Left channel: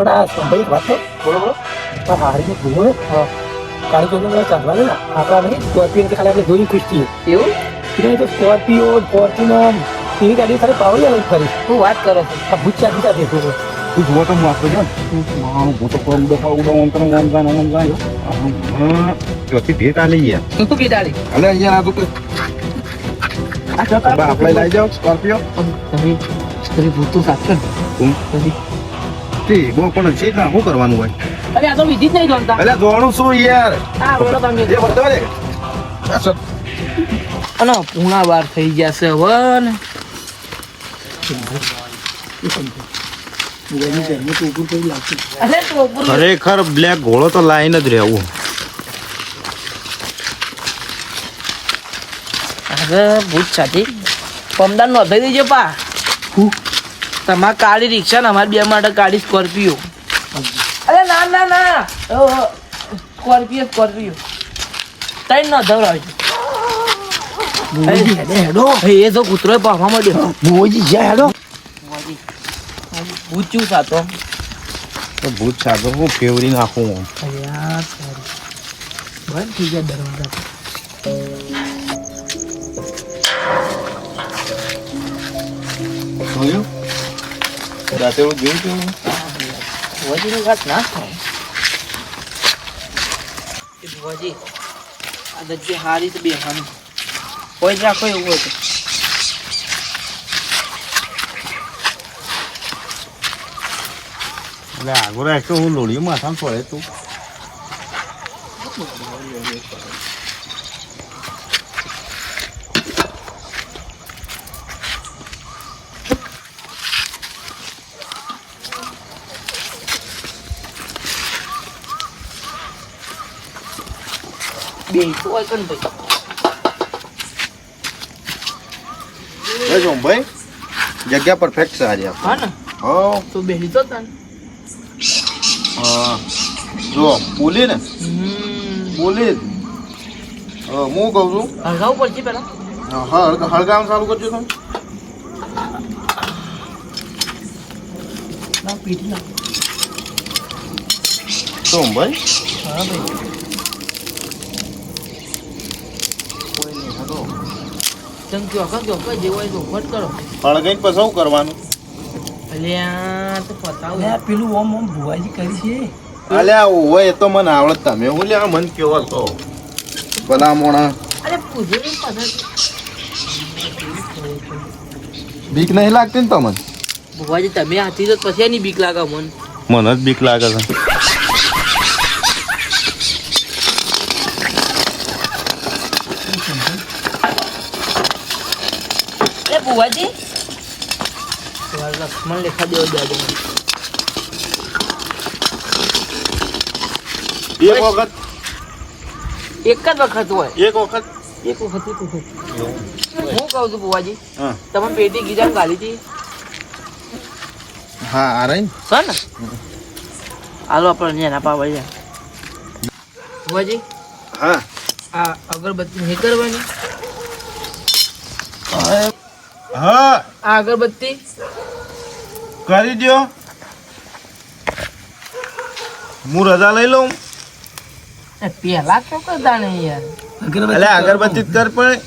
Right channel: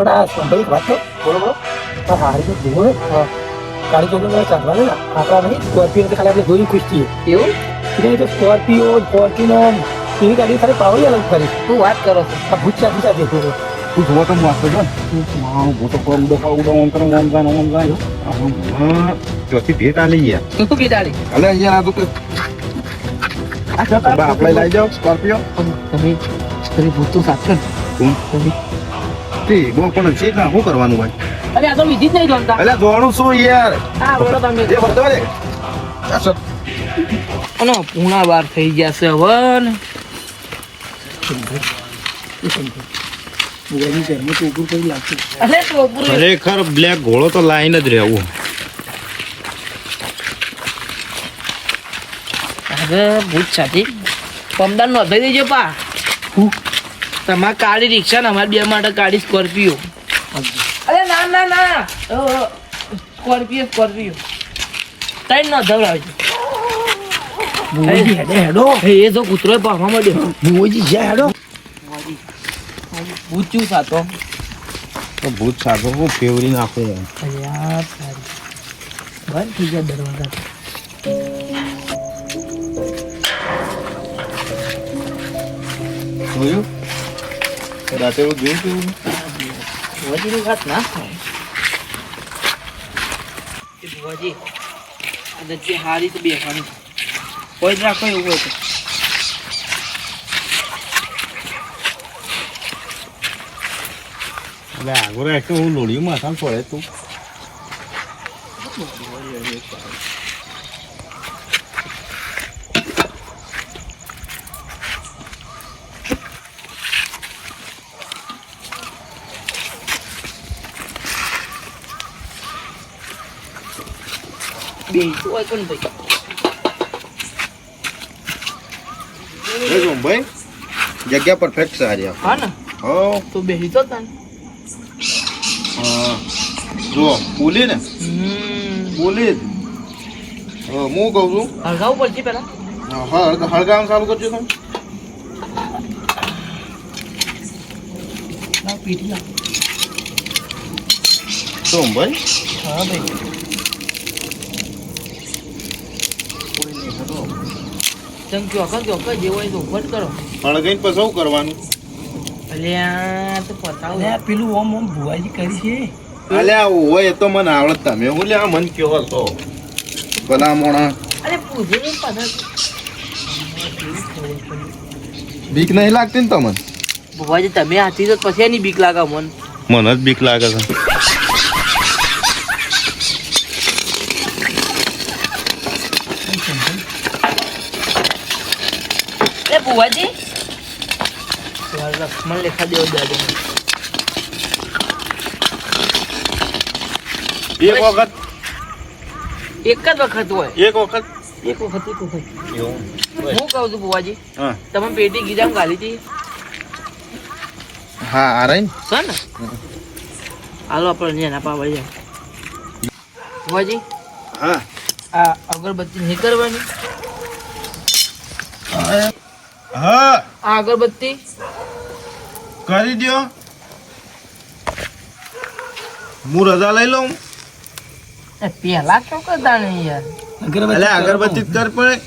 પણ આ ભાઈ એક વાત તો બોલો બોલો પણ હારી ભૂગો ને હા. કાળી ચોકી ચાંદવા ને આપણા નહીં સ્કોર્પિયો તો ખાલી આપણે જોઈ ખુશ છીએ એવું એટલે એ તો સ્કોર્પિયો ફોર્ચ્યુનર એવી ગાડી ખાલી પાવડી અલગ ફરી શું વાત કરો છો આ ભૂત સાથે સાથે તું જોવો તો મસ્ત છે ને મારું ભૂતો પર ઉડો પર ઉડો ઓમ કરે ઓમ જાય ઓમ જાય હા ચોથી ભેટ આ લઈ ગયા શું બિદાડી અલે અહીંયા આ તો કે આ જતા આપણે લઈ જાઓ સ્કોર્પિયો તમે તમે ભૂત તો સાચો ને કોણ? તમે તે બહુ પણ છે ના શું કરવાનું હોય? અરે આ તો વિધિ જ નહીં જોનતા અલે જોણું શું યાર? હા બોલો તમે. એ બધો રે અને પૂણા વાર થઈ ગયા છે હવે ને. અરે ખરેખર બ્લેક ઘોડો તો લાઈન જ રહેવું. અરે ભૂત સાથી. પમદાર નોંધાઈ દેજો પા. હું? તમારે કાળી રિક્ષા ને અમારે બે માટે કાળી સ્કોર્પિયો. અરે ના ના ના. Scorpio Scorpio. ત્રણ ન ધવરાવજો ભૂગોળજી હેડો એ તો કૂતરો પાવા માંડ્યો. ભૂગોળજી જ્યાં હેડો. ઊંચું સાતો. તો ભૂત સાતો હું ફેવરી નાખું અરે સારી બંધ થઈ ગયા દરવાજા જોયું? રાતે એવું જોયું તું? ભુવાજીનું વાત ના થાય. ભુવાજી આ જગ્યા હારી તો બેસવાની કોઈ જ રાખો એવું હોય તો. એટલે આગળ રાખ્યો હું લોડી માથા પડે તું. બે તો હોય તો ને ભાઈ એ જો ભાઈ જગ્યા પરફેક્ટ છે આજે હા ને હો તો બેસી તો તને હા જો પુલી ને હમ પુલી જ હા હું કહું છું હળગાવું પડશે પેલા હા હળ હળગામ ચાલુ કરજો તમે ના પીઠી ના તો ભાઈ હા ભાઈ ચંક્યો અખા કે અખા જેવો હોય તો ઉભટ કરો. હળગાઈને પછી શું કરવાનું? અલ્યા તો પતાવ. અરે પેલું ઓમ ઓમ ભુવાજી કરી છે. અલ્યા હોય તો મને આવડત તમે. હું લ્યા મન કેવો છો? ભલા મોણા. અરે પૂછે ને બીક નહીં લાગતી ને તમને? ભુવાજી તમે હાથી તો પછી એની બીક લાગે મન. મને જ બીક લાગે છે. એ ભુવાજી લક્ષ્મણ લેખા દેવો દાદો એક વખત. એક જ વખત હોય. એક વખત. એક વખત એવું. હું કહું છું ભુવાજી હા. તમે પેટી ગીજામ ગાલી હતી? હા આ રહી સર ને? હાલો આપણે અહીંયા ના પાવા જાય ભુવાજી હા. આ અગરબત્તી નહીં કરવાની હા. આ અગરબત્તી કરી દો હું રજા લઈ લઉં. પેલા શું કરતા નહીં યાર? અગરબત્તી અગરબત્તી કર પણ.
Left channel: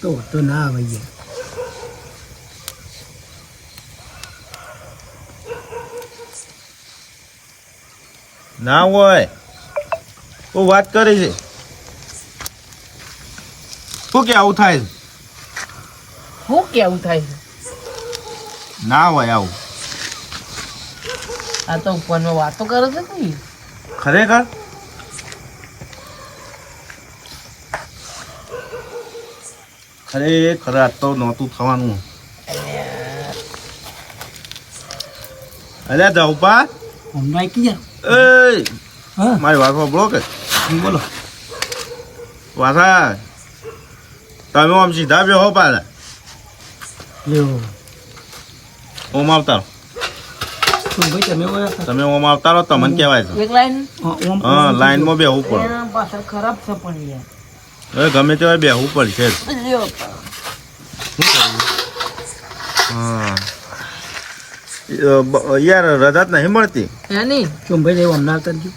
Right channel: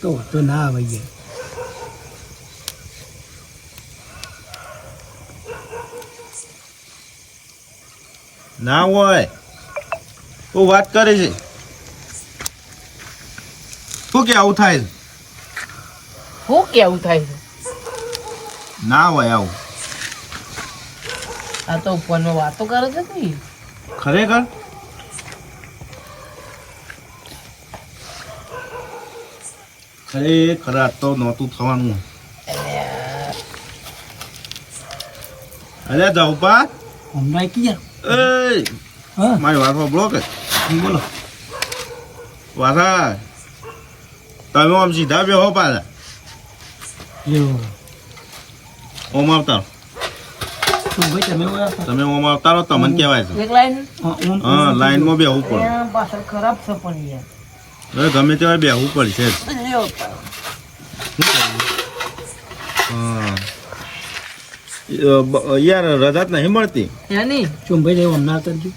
તો તો ના આવે યાર. ના હોય. તો વાત કરે છે. શું કે આવું થાય? શું કેવું થાય છે? ના હોય આવું. આ તો ઉપરમાં વાતો કરો છો તું. ખરેખર? ખરેખર આ તો નહોતું થવાનું. અરે જાઉપા હમણાં કી એ હા. મારી વાત સાંભળો કે? બોલો. વાસા તમે આમ સીધા બેહો પાછા. લ્યો ઓમ ભાઈ તમે ઓયા તમે ઓમ રહો તમને કહેવાય છે. એક લાઈન. હા લાઈનમાં બેહવું પડે. પાછળ ખરાબ છે પણ યાર હવે ગમે તેવા બેહવું પડશે હા. યાર રજા જ નહીં મળતી? ચુંભાઈ જેવું હમણાં કરજો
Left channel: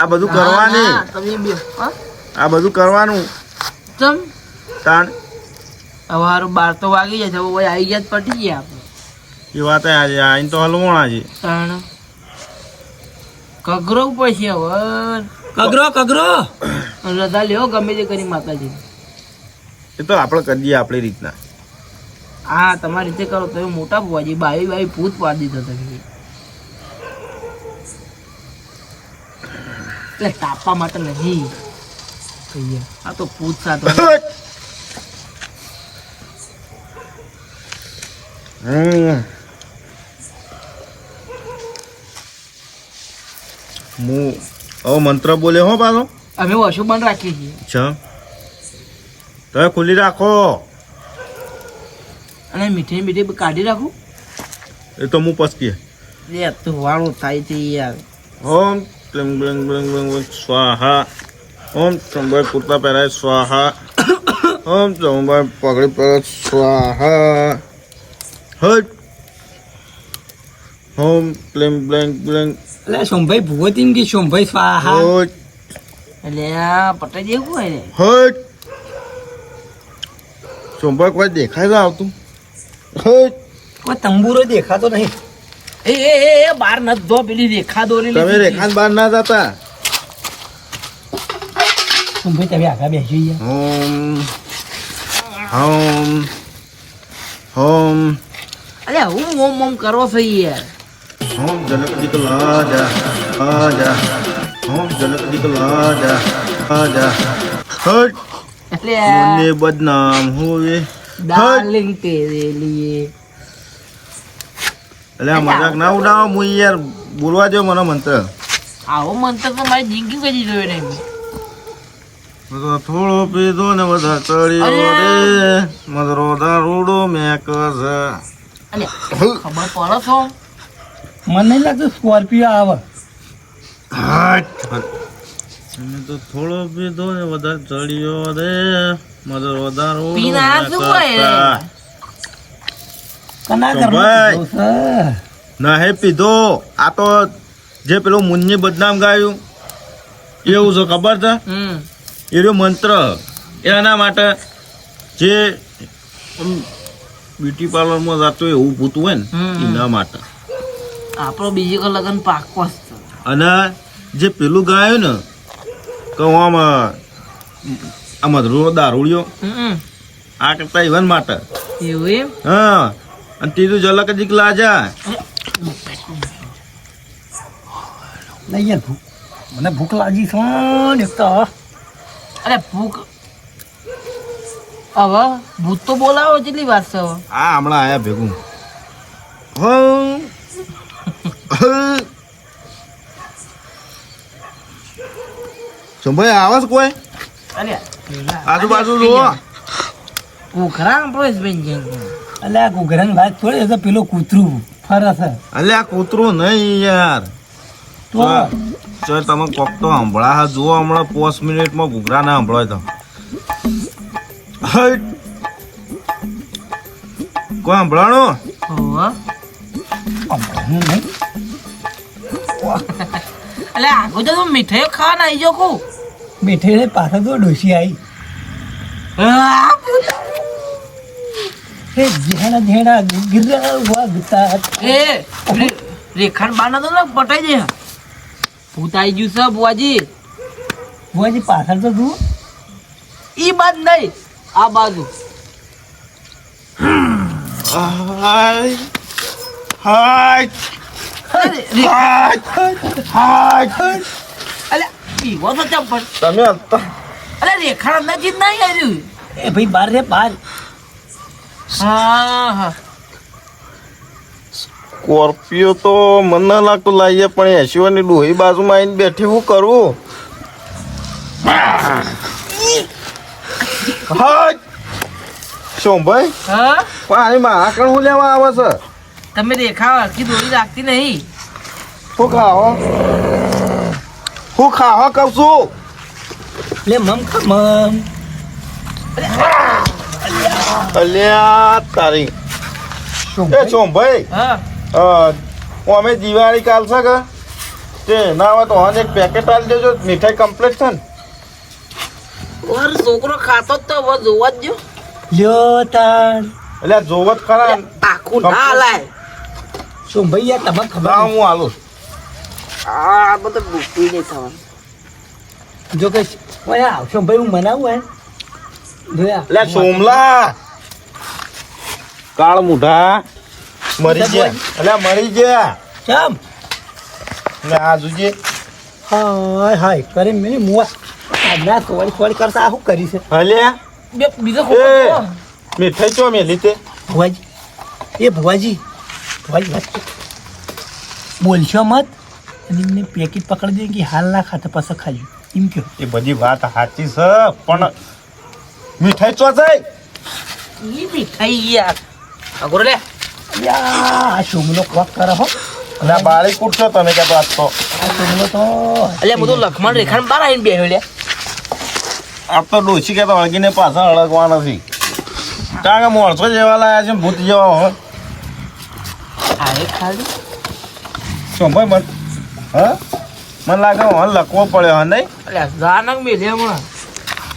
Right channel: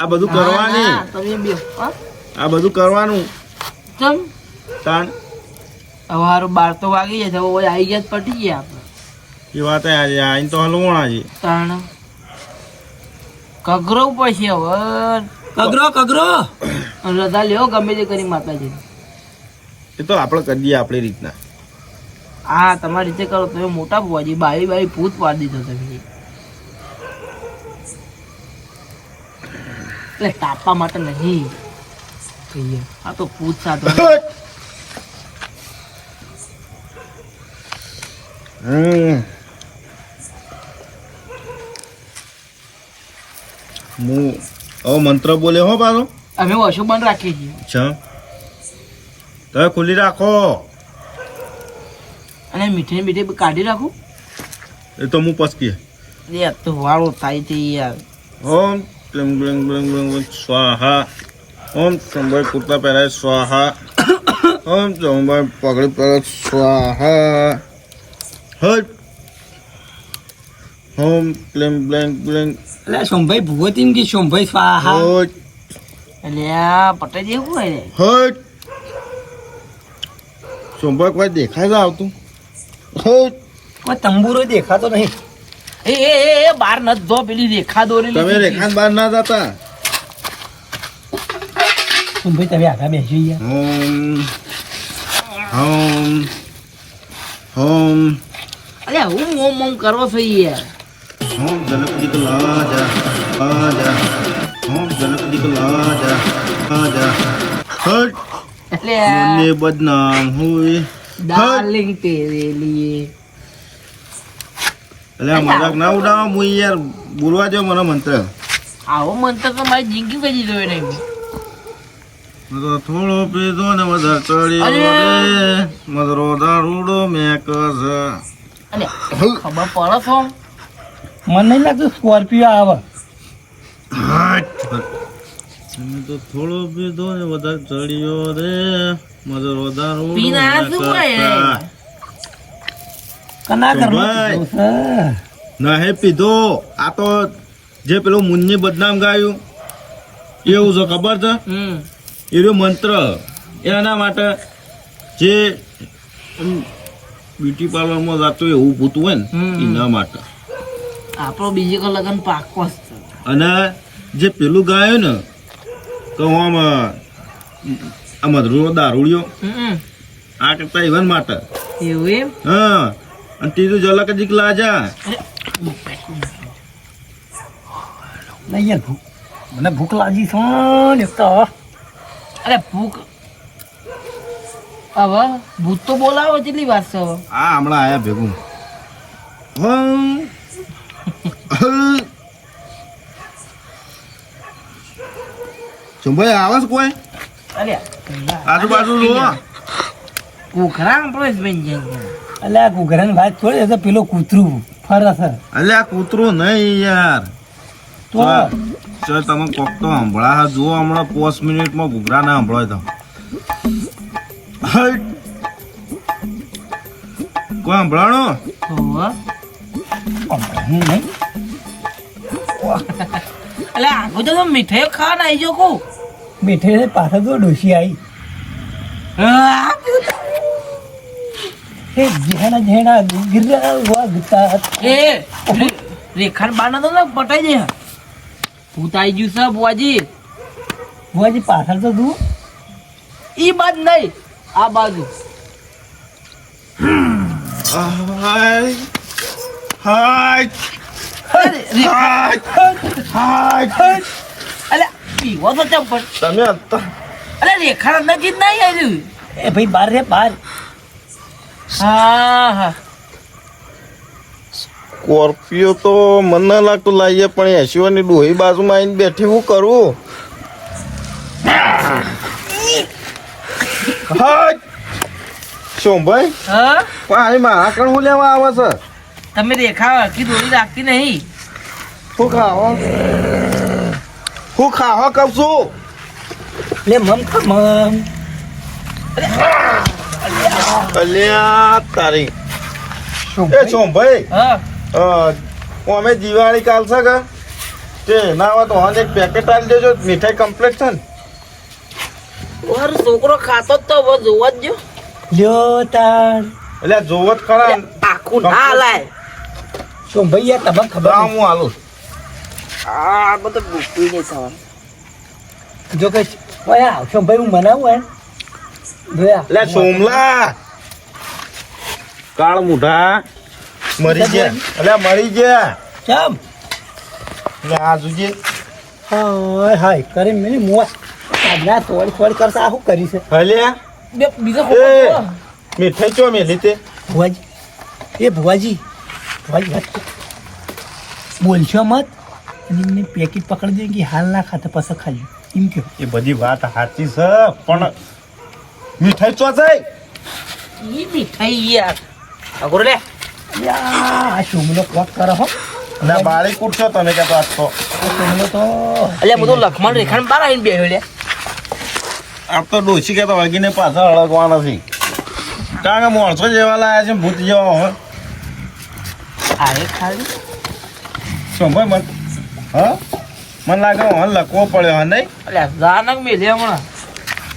આ બધું કરવાની. હા. આ બધું કરવાનું. ચમ. તાણ. હવે બાર તો વાગી જાય છે હવે આવી ગયા જ પટી ગયા આપણે. એ વાત આજે આઈને તો હલવણા છે. તાણ. કગરો પછી હવે. કગરો કગરો. રજા લેવો ગમે તે કરી માતાજી એ તો આપણે કરી દઈએ આપણી રીતના. હા તમારી રીતે કરો તમે મોટા ભુવાજી બાવી બાવી ભૂત પાડી દીધો તમે. એટલે તાપવા માટે નહીં. કહીએ. આ તો ભૂત સાથે. હું હવે મંત્ર બોલે હો પાછો. અમે ઓછું બંધ રાખીએ છીએ. છ તમે ખુલ્લી રાખો. અને મીઠાઈ મીઠાઈ કાઢી રાખું. એ તો હું પસકી એ તો વાળું થાય છે યાર. ઓમ બ્લિંગ બ્લિંગ બ્લિંગ બ્લિંગ સ્વાહા. ઓમ ચંબર કુર્તા પહેરાય સ્વાહા. ઓમ ચંબર પગડી પહેરાય સ્વાહા. હટ હોમ બ્લિંગ બ્લેન્ક બ્લેન્ક. એટલે સોમભાઈ ભૂગોતી કે સોમભાઈ હટ એટલે આ પટાઈ દેવું હોય ને? હટ સોમભાઈ કોઈ દેખાય ના આવતું? હટ કોઈ તંબુરો દેખાતો નહીં. એ એ એ એ બાર ન જો પેલી રેખા દોરી તમે રેખા બહાર ના જતા? સોમભાઈ તમે આગળ બેસી ગયા. હોમ. હોમ. હોમ. અલે હું ઓમ ઓમ કરો છો યાર હોમ જનક દીકલ રાજા રાજા. હોમ જનક દીકલ રાજા રાજા. હટ! મને બદનામ હોય ડાર્લિંગ તેરેલી એટલે મજાક ના ઉડાવો હું યાર બોલવા દો મને મંત્ર. આવો મંત્ર તો મારી જિંદગી કરી જોયો નહીં. તો થોડો પીધો ને બધા અરે. રે મધરો દારૂડો છે અલે ખબર પડે છો મને નહીં લાગતું સ્કોર્પિયો આવે. તમે તો થોડો પીધો ને વધારે ચડ્યો રે. મધરો વધારો પીને શું હોય? કના સોમભાઈ. ના હે પીધો. આ તો જે પેલું મુન્ની બદનામ ગાયું. એવું છે ખબર છે? હમ. એ મંત્ર. એના માટે જે બ્યુટી પાર્લરમાં જતું એવું ભૂતું હોય ને. એના માટે. આપણો બીજી કો લગન પાકો અને જે પેલું ગાયું ને તો આમ આ મધરું દારૂડિયો હમ. આ કરતા ઇવન માટે. એવું એમ? હા અને ત્રીજું જલક જીક લાજા નહીં યાર ભૂખ મને ભૂખ લાગી છે ને તો અરે ભૂખ હવે ભૂત તો બોલાવો કેટલી વાત છે હવે. આ હમણાં આયા ભેગું. સંભાઈ આવે છે કોઈ? અરે આજુબાજુ જુઓ. કુખરા આપણે જ બેન જાય એટલે આ ઘૂઘરાની વાત થોડી હશે પેલો પેલું કૂતરું ફરે છે. અલે આ કૂતરું નહીં યાર. તો? તમે કોક તો સાંભળા હા જુઓ હમણાં પાંચ મિનિટમાં ઘૂઘરા ના હંભળાય તો. કોઈ નહીં અલે આગળ તો મીઠાઈઓ ખાવા આવી જો કહું. બેઠે પાછળ તો ડોસી આવી એ હે જેણા જેણા ગિરા વાગતા એ રે- રેખાન બાના તો ને પટાઈ દે. ભૂત આવી ગયું છે બુઆજી બુઆજી પાછળ તો તું. ઈ બાદ નહીં. આ બાજુ. હાય. હાય. પીવો તો ચંપલ તમે અરે રેખા નજીક નહીં આવ્યું. એ ભાઈ બાર રે બાર. હા હા. સ્કોર્પિયો તો મને લાગતું લાવીએ પણ એસીઓની ડોહી બાજુમાં આવીને બેઠી હું કરું? હા શું હા? પણ મારા હું લેવા આવે છે? તમે રેખા આખી દોરી રાખતી નહીં. શું ખાવો? હું ખાવા કહું છું? લે મમ ખા મમ. અલ્યા તારી. એ હા. અમે દિવાળી કાલ છે કે? તે ના હોય તો એક પેકેટ આપી દેજો મીઠાઈ કમ્પ્લીટ છે ને. ઓર છોકરો ખાતો જ તો હવે જોવા જ જો લ્યો તાણ. એટલે જોવો જ ખરા. આખું ના લાય. શું ભાઈ તમે ખબર હું આલું આ બધું ભૂખતું નહીં થવાનું. જો કે ઓય શું ભાઈ હું મનાવું એમ? જોયા એટલે સોમલા. કાળ મુઢા. મરી ગયા. એટલે મરી ગયા. કેમ? લે આ જોજે. હાય હાય કરી મેં મોસ આજના થોડી થોડી કરતા આ શું કરી છે? હલે? બે બીજો ખોટો મીઠાઈ ચો મેં તે? ભુવાજી. એ ભુવાજી. ભુવાજી વાત. બોલશો મત? અને એમને પેકેટ પકડી દે કે હાલ ના ખાતા પાસે ખાજો એમ કહો. એ બધી વાત સાચી છે પણ મીઠાઈ ચો છે? એ મીઠાઈ યાર. અગોર લે. યા, આ શોમલો કોક કરે હો. એટલે બાળી કૂટશો તમે તો વાત તો. આ શોમલો તો અલ્યા બધું લખમણ રેખાણ બાર આવીને બેહ્યો લે. આ તો ડોસી કે તો અળગીને પાછા અળગવા નથી કારણ કે માણસો જેવા લાયા છે ભૂત જેવા હોય. આવે ખાલી? શું ભાઈ મન હા? મને લાગે હવે લખવો પડ્યો હા નહીં? અલ્યા જાનક મેલે હમણાં.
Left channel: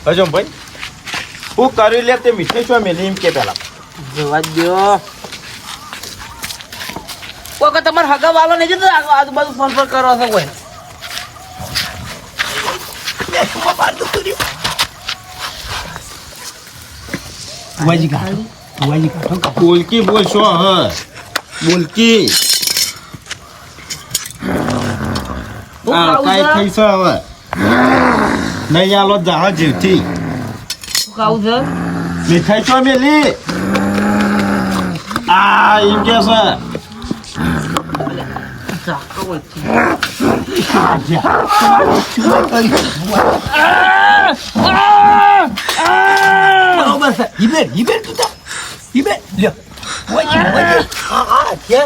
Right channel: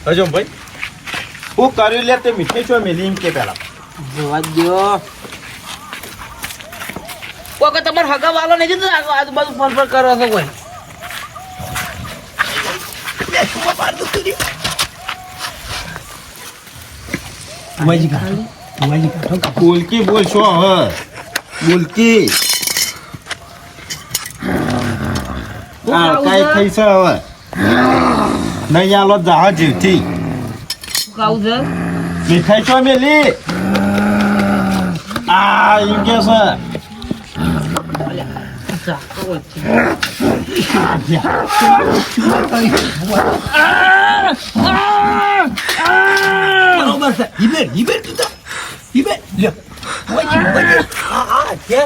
હજો ભાઈ? હું કર્યું લે તે મીઠી છો મેલી એમ કે પેલા. જોવા દો કોઈ તમારે હગા વાલો નહીં આજુબાજુ ફોન પર કરો છો કોઈ. ભુવાજી કા ભુવાજી કા બોલકી બોલ છો હા બોલકી. હા કઈ થઈ છે હવે? નહીં આલો જહાજ જીવથી. શું ખાવું છે મીઠાઈ છો મેલી? આ એમ કે છે. જાતો હોય છે. બરોબર છે હિબેર હિબેર તું હિબેર લ્યો ભુવાજી ભુવાજી હા હા છે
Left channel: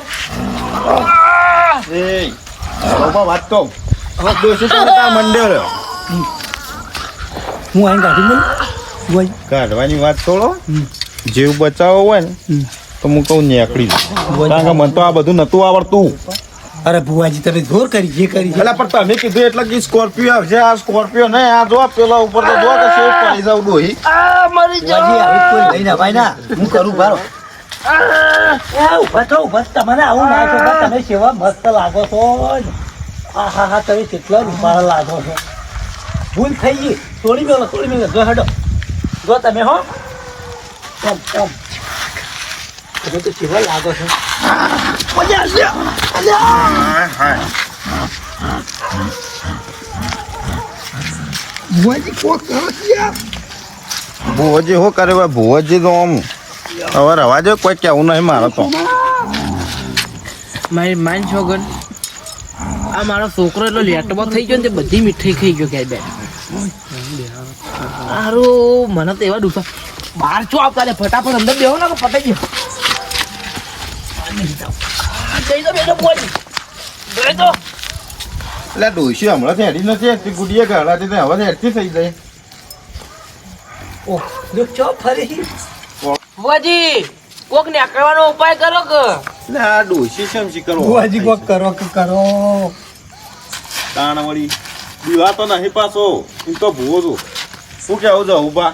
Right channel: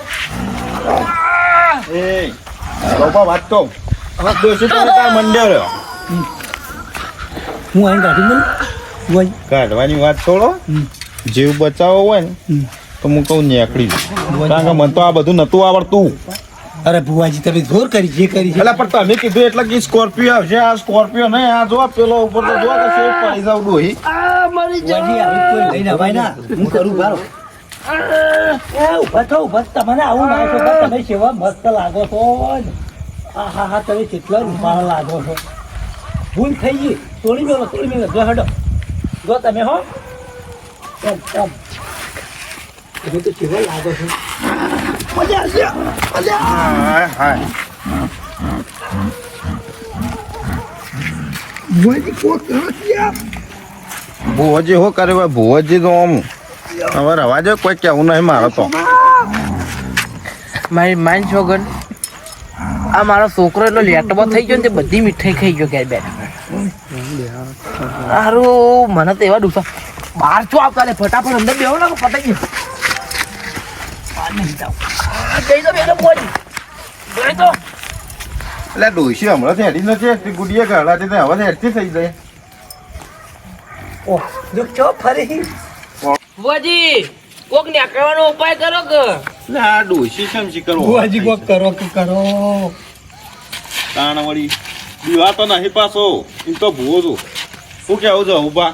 એ લોપા વાત કહું હવે દોષી તમે તાર મંડે રહ્યો હું અહીં કાઢી દઉં ભુવાજી કાઢવાની વાત છોડો હમ. જીવ બચાવવો હોય ને હમ. તો હું કહું નીકળી જાઉં. કારણ કે મને તો આ બધું નતું આવડતું અરે ભુવાજી તમે જોર કરી જે કરી છે એટલે પણ તમે કીધું એટલે કે સ્કોર્પિયો આવશે આ સ્કોર્પિયો નહીં આ જો પેલો ઉપર તો જો કે શેઠ પડી જાવ ડોહી આ મરી ભુવાજી હવે કોઈ લઈને અવાય ના. હું કરું બારો એ ઊભા થો ઊભા થો. તમને આવું ના છો તમે સેવા મસ્ત લાગો છો ને. હા હા હા તમે કેટલા રૂપાળ લાગો છો. ભૂલ થઈ ગઈ. તોડી મેલો તોડી મેલો. જો હડો જો તમે હો. ઓમ ઓમ તમે તો સેવા લાગો છો. મજા આવશે. મજા હાય હાય. ભુવાજી fuck, કરો છે ભુવજી શું કરે ભાઈ? ભુવજી તો આમ હવે રવા દે કોઈ કેવું નહીં મારો તો. મારી માન છોગન આ મારો છોકરો એટલો લેટમાં થઈ ગયો ને તે બધી મીઠાઈ ખાઈ ગયો ક્યાંય બેન. સારું મને તો એવા દુખા બહાર છો આવતા લે ફટાફટ અંદર બેહો ને પતાઈ ગયો જઈ તો તો. એટલે ડોસી હમણાં હેડી નથી ગુડિયા ઘરડાથી હવે હેડતી થઈ જાય. ઓહ જો ચો ફરી બુઆજી કોક ને કરવાનો ઉપાય કરો કે? આ ડોશી કેમ શીખર ભુવાજી કોક કરો કે કરો? તાણ વળી દીવા તો નહીં પાછો. એમ તો ભૂવો છું. શું કેવું છે ઊભા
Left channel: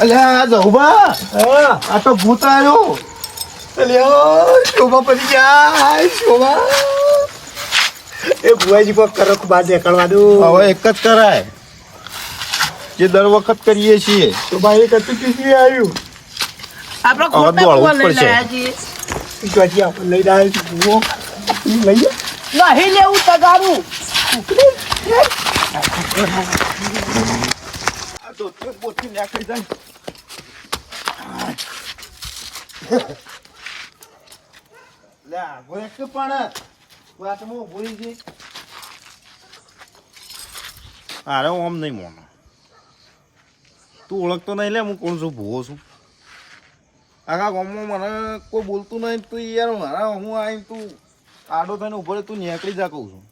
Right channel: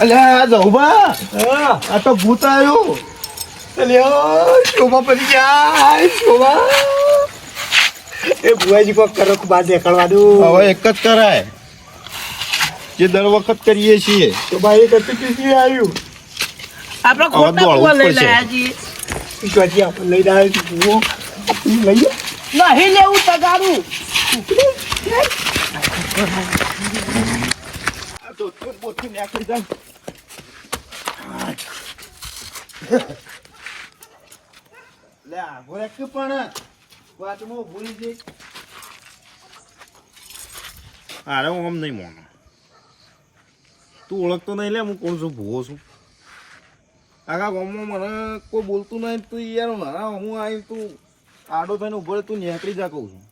અલ્યા જહુબા હા. આ તો ભૂત આવ્યો. અલ્યો શોભા પડી ગયા. શોભા. એ ભુવાજી કોક કરો કે હવે એક જ કરાય. જે દર વખત કરીએ છીએ. તો ભાઈ એક હતું પીસી આવ્યું? આપણે ખોટા કુવા લઈ. લાયા છીએ. ઈશ્વરજી આપણે લઈ રહ્યા છીએ લઈએ નહીં લેવું તગારું આ તો પોતે નાખી જાય લે આગો એક પણ વાતમાં ભૂલી જઈ અરે આમ નહીં મોનો તું ઓળખતો નહીં લે, હું કોણ છું, ભૂવો છું. આખા ગામમાં મને કોઈ બોલતું નહીં તું યાર મારા હું આવીને તું આડો થઈને ઊભો તું નીકળી જા કહું છું.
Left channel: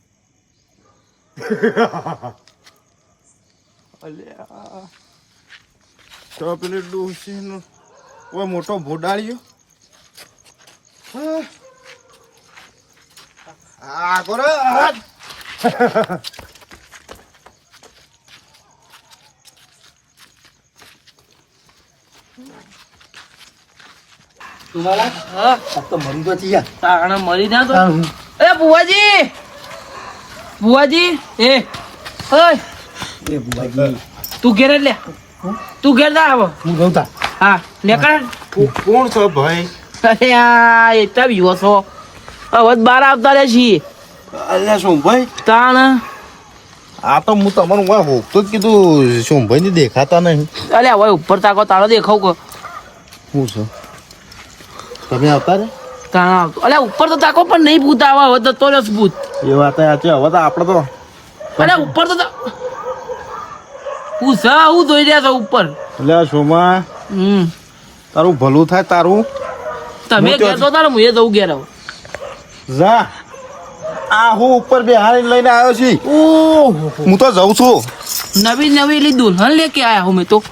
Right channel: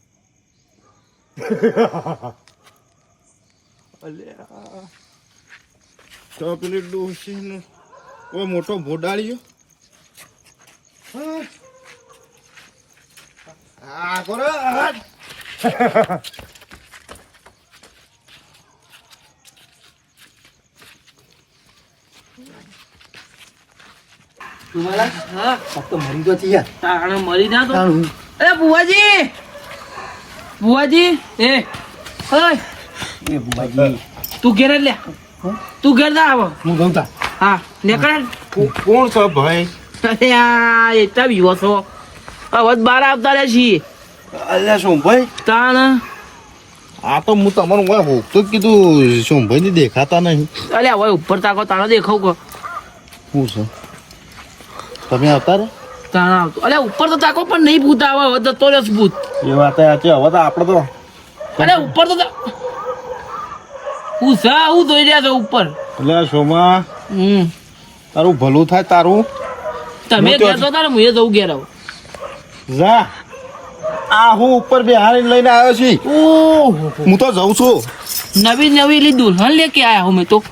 તો પેલી ડોશીનો કોઈ મોટો ભોડાળ્યો? આ કરો હા. તો મરી તો થયા તાણે મરી ના તો. એ બુવાજી બુવાજી એ ઓય. એ બુવાજી તું ઘેર લે. તું ઘેર ના આવો હું ગઉં તા. હા કો- કોણ છો ભાઈ? અરે આ એટલા વિવો છો. હવે બાર આવતા રહે છીએ. અલ્યા સોમભાઈ? તાણ. આ તો હું તમારું હોકતો જ કીધું સોમભાઈ ની દેખાતા નહીં. અરે હવે ઉપર તાકો તારો દેખાવ કો શું છે? તમે આવતા રે? તાણ આવતો. અરે ઉપર તો તાકો પણ નહીં ભૂત આવે હવે તો તો રસ ભૂત. એ વાત સાચી હવે તો આપણે તો અરે ઉપર તો હું સા હું જોઈ રહ્યા છો ઉપર. એટલે આ સોમા હમ. તારું ભલું થાય તારું? તમે ઘેર તો તારે હું એ જવું ઘેર આવું. જા. આ હું ઉપર બે હારી લઈને આવ્યો છું. ઓહો. હું તો જઉં છું. નવી નવી લી દુલ્હન લેકે આયા હું મેં તો.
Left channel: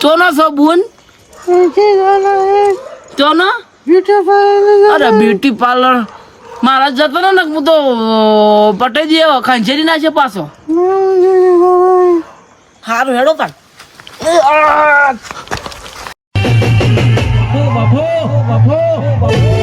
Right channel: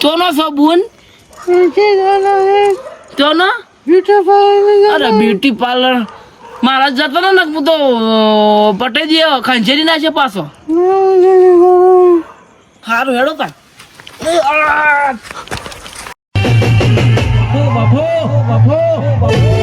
ચોનો છો બુન? ચોનો? બ્યુટી પાર્લર અરે બ્યુટી પાર્લર મારા જતો ને હું તો પટેલ જે ખંજેરી ના છે પાછો. સારું હેડો તા બાપો બાપો બાપો.